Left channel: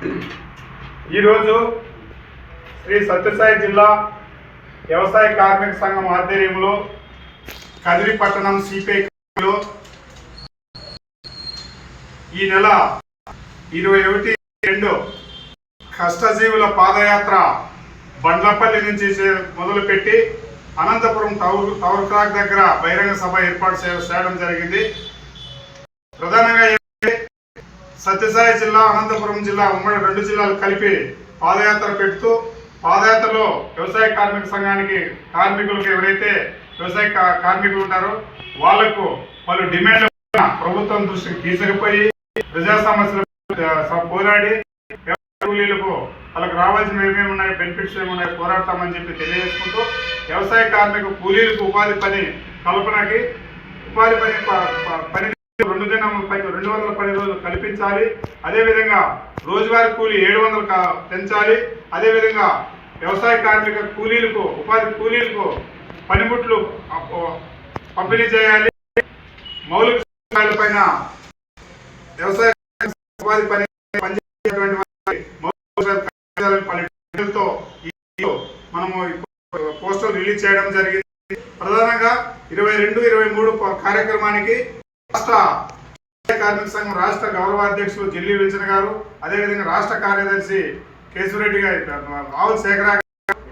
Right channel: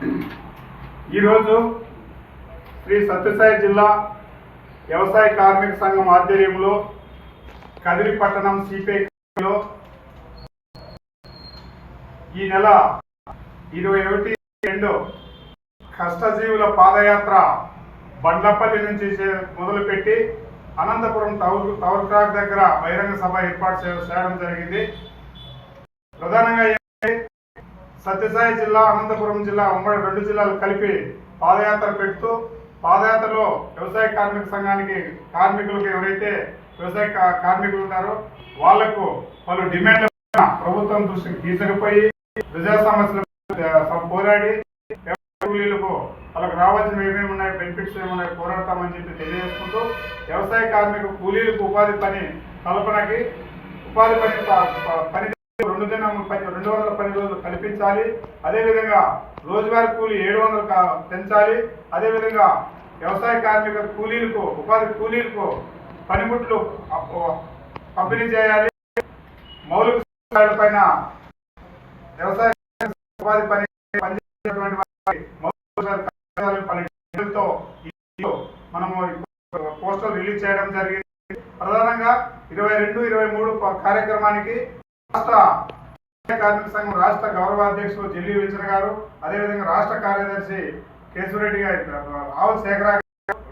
ఈరోజు శ్రీ సత్యసాయి జిల్లా వ్యవసాయ కార్మిక సంఘం ఆధ్వర్యంలో కదిరి పట్టణం సిపిఐలో ఈ నెల 21-2 కష్టజీవుల పాదయాత్ర బండ్లపల్లి నుంచి మొదలుపెట్టి అనంతపురం టవర్ క్లాక్ దగ్గర బహిరంగ సభ ఏర్పాటు చేయడం జరిగింది. ప్రధానంగా సత్యసాయి జిల్లా, అనంతపురం జిల్లా, ఉమ్మడి 2 జిల్లాలు కలిపి పాదయాత్ర పెడుతూ పాదయాత్రలో వ్యవసాయ కార్మిక సంఘానికి కార్మికులకు ఎవరైతే వ్యవసాయ కార్మికులు ఉంటారో వాళ్లకు పలు డిమాండ్లు ప్రభుత్వం దృష్టికి తీసుకుపోయి ప్రజా సమస్యలు పోరాడి కూలీలకు వాళ్ళకి రావాల్సిన ఏమేమి ఉన్నాయి, బెనిఫిట్స్ ఏమి ఉన్నాయి పోరాడతామని చెప్పి తెలియజేసుకుంటూ వ్యవసాయ కార్మిక కూలీలకు ఉపాధి పని కల్పనకి ఉపాధి పని 210 రోజులు కల్పించాలి. అదేవిధంగా రోజువారీ కూలీ 700 పెంచాలి. అదేవిధంగా వ్యవసాయ కార్మిక కూలీలకు ఉపాధి కూలీలకు పనిముట్లు పంపిణీ చేయాలి. మౌలిక సదుపాయాల పైన వ్యవసాయ ఉపాధి పనిచేసేటువంటి మౌలిక మనము పోస్టర్లు రిలీజ్ చేయడం జరిగింది. ప్రధానంగా 22-23 కార్యక్రమానికి రాష్ట్ర కార్మిక సంఘం రాష్ట్ర గౌరవ అధ్యక్షులు జిల్లి విల్సన్ గారు, అదేవిధంగా రాష్ట్ర కార్యదర్శి కేశవరెడ్డి గారు, ఆవుల శేఖర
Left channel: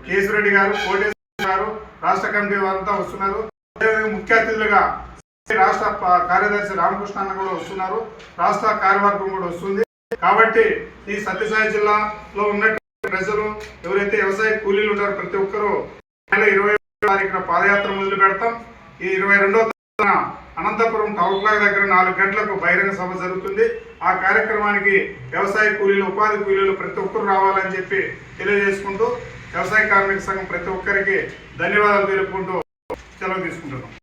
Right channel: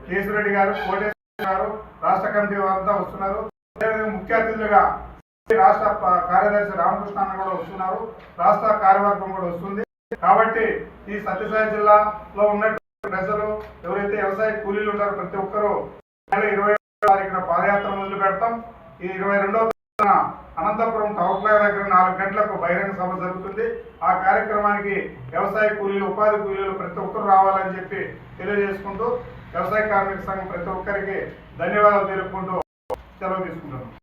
కేశవరెడ్డి గారు, కోటేశ్వర గారు, రాష్ట్ర కమిటీ వారంతా వస్తున్నారు. అదేవిధంగా ముఖ్య అతిథులుగా రాష్ట్ర కార్యదర్శి రామకృష్ణ అన్న కూడా వస్తున్నారు. రాష్ట్ర కార్యవర్గం కూడా వస్తుంది. కాబట్టి ఈ సత్యసాయి జిల్లాలో ఉన్నటువంటి ప్రజలు ఎవరైతే వ్యవసాయ కూలీలు ఉంటారో ప్రతి ఒక్కరూ 20వ తారీఖున పాదయాత్ర మొదలు పెడతాం. ఈ 22వ తారీఖున అనంతపురం టవర్ క్లాక్ దగ్గర 4 గంటలకు బహిరంగ సభ జరుగుతుంది. ఆ కార్యక్రమానికి వ్యవసాయ కూలీలు, ఉపాధి కూలీలు ప్రతి ఒక్కరు రావాలని చెప్పి తెలియజేసుకుంటూ వ్యవసాయ కార్మిక సంఘం ప్రతి ఒక్కరికి ధన్యవాదాలు తెలుపుకుంటూ సెలవు తీసుకుంటున్నాం.